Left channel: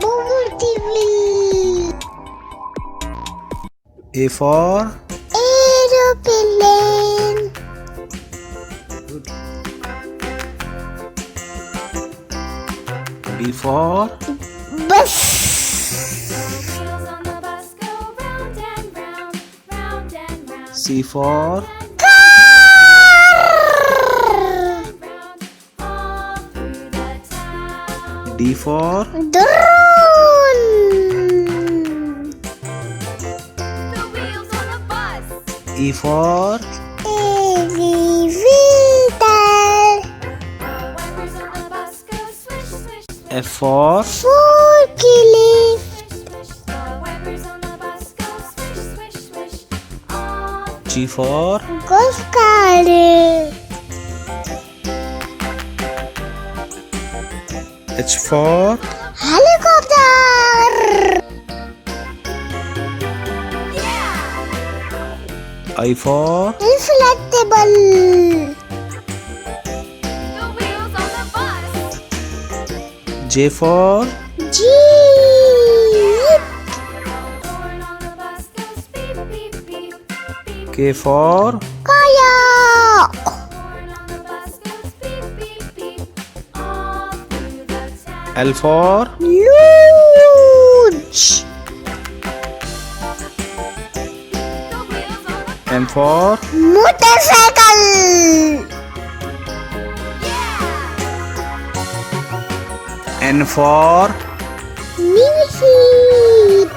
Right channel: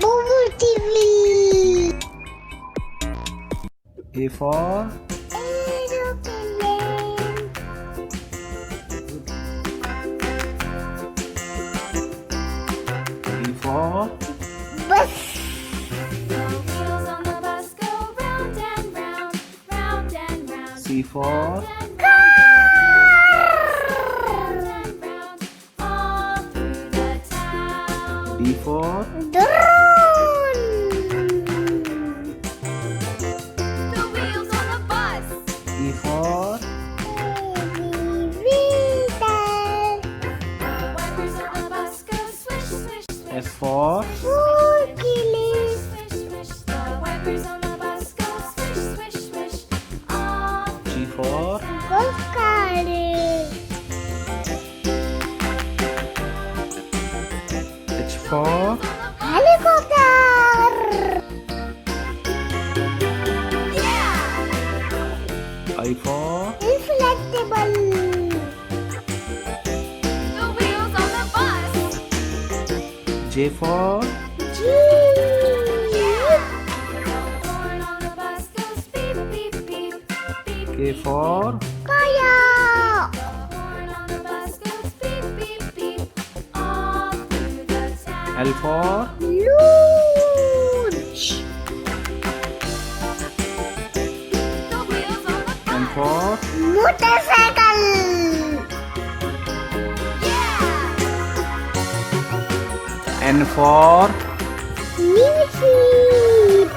BOUBOUTV. A for Aeroplane. B for Bus. Wheels on the bus go round and round, round and round. C for Round, all through the town. D for Drone. The wheels on the bus. E for Elevator. The wipers on the bus go swish, swish, swish. F for Forklift. Swish, swish. The wipers on the bus go swish, swish, swish. All G for Golf cart. H for Helicopter. yeah. I for Inflatable. The wheels on the bus. J for Jeep. The horn on the bus goes beep, beep, beep, beep. K for Kayak. Horn on the bus goes beep, beep, beep. All through the town. L for Luge. The wheels on the N for Motorcycle. yeah. N for Music.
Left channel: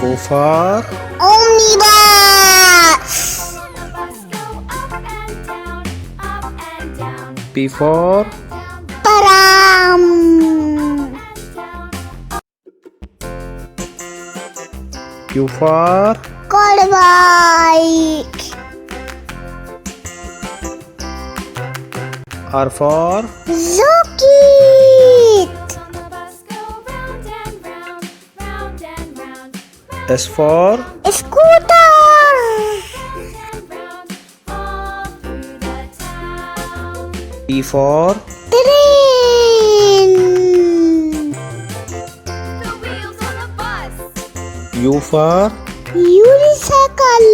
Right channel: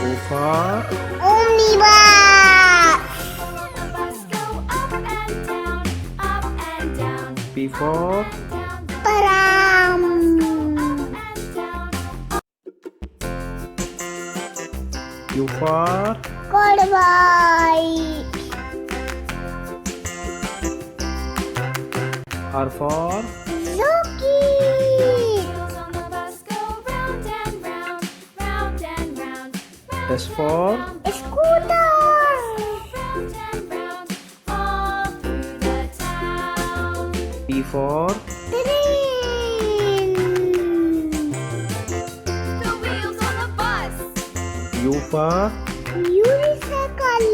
O for Omnibus. On the bus go up and down, up and down, P for down, Param. and down. Q for Quad bike. R for Jockey. Wheels on the bus go round and round, round and round, round S for Scooter. and round, all through the town. T for Train. The wheels on the bus. U for Unicycle.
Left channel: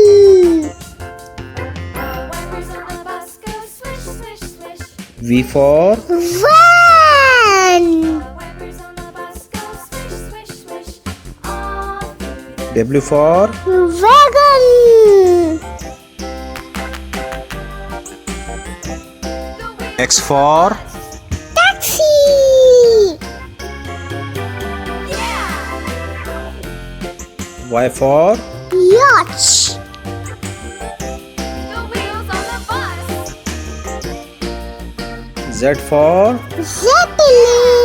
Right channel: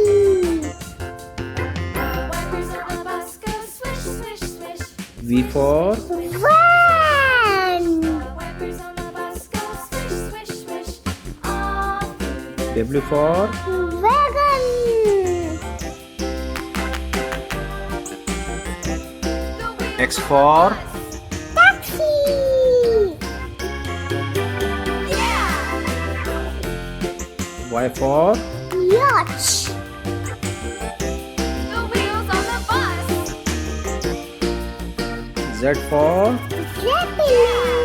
The wipers on the bus go swish, swish, swish. V for Van. The wipers on the bus go swish, swish, swish. All through the W for Wagon. X for Taxi. yeah. Y for Yacht. The wheels on the bus. Z for Zeppelin.